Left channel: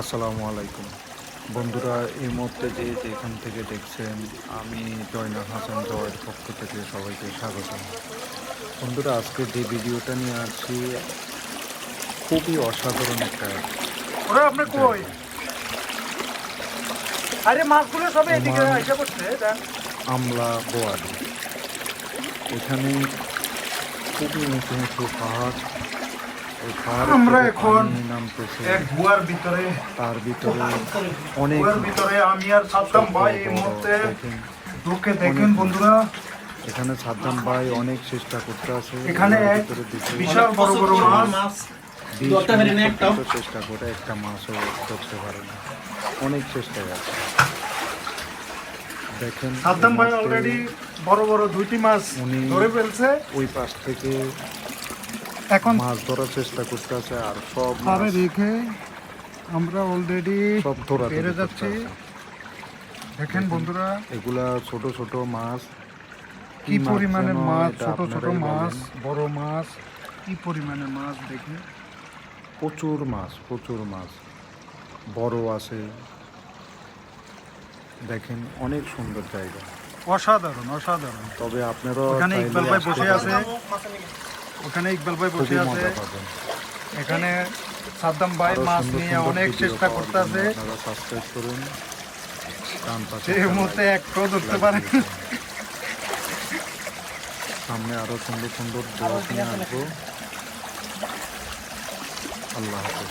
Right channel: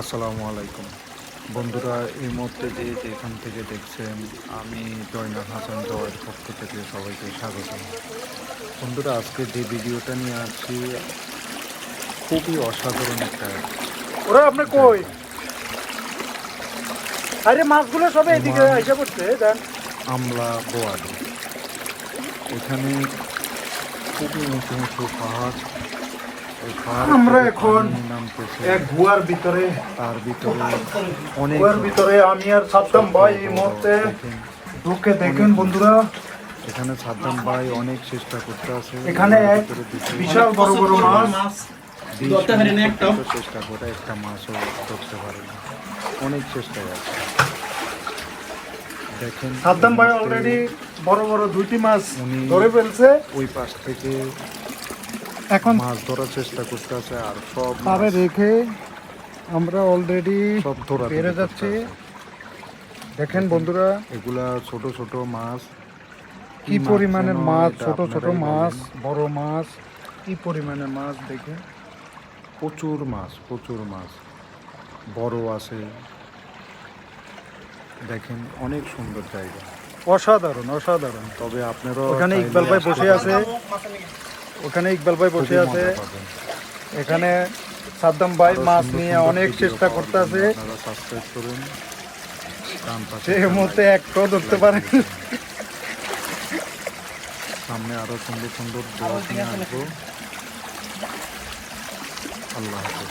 আসসালামু আলাইকুম বন্ধুরা, এই মুহূর্তে যে যেখান থেকে দেখছেন, আমি জয়নাল হাসান জয়ের পক্ষ থেকে সবাইকে স্বাগত। বন্ধুরা, আজকে যে ভিডিওটা নিয়ে আসছি খুবই অসাধারণ একটা জায়গা। ওমান আমলা বোয়ালি। এখানে খুবই উঁচু উঁচু পাহাড়, ওই পাহাড়ের থেকে পানি নামতেছে, তার ভিতরে অনেক দেখেন অনেক মাছ। এখানে সাদ্দাম ভাই অনেক চেষ্টা করতে আছে ভিতরে ঢুকে 20 মিনিট পর্যন্ত চেষ্টা করে একটা মাছও ধরতে পারে না, অনেক চেষ্টায় আছে। দেখেন উনি ওই পাশ থেকে এখন মাছ ধরার চেষ্টা করতে আছে, আর সব মাছ রেখে আমরা অলরেডি সব ধরাধরি করতে আছে। দেখেন বন্ধুরা, এগুলা ছোট ছোট মাছ, কি পরিমাণে মাছ, এটা ছোট ছোট আপনারাই মাছ, বলেন। বড় মাছ, কি পরিমাণে মাছ দেখুন। প্রচুর মাছ, বড় আছে। দেখেন অনেক সুন্দর জায়গা, অসাধারণ অসাধারণ। তবে আপনারা এখানে চাইলে ইকবাল ভাই আসতে বসে আছে, পারেন, এখানে ইকবাল ভাই বসে খুবই আছে, মজা পাবেন। এখানে সাদ্দাম ভাই আরো মাছ সুন্দর নিয়ে সুন্দর অনেক ভিডিও চেষ্টা পাওয়ার জন্য করতেছে। আপনারা সাবস্ক্রাইব করুন, ডান পাশে এই মুহূর্তে একটাও ধরতে পারেনি। সামনে আরো সুন্দর সুন্দর ব্লগ নিয়ে আসবো। আল্লাহ হাফেজ।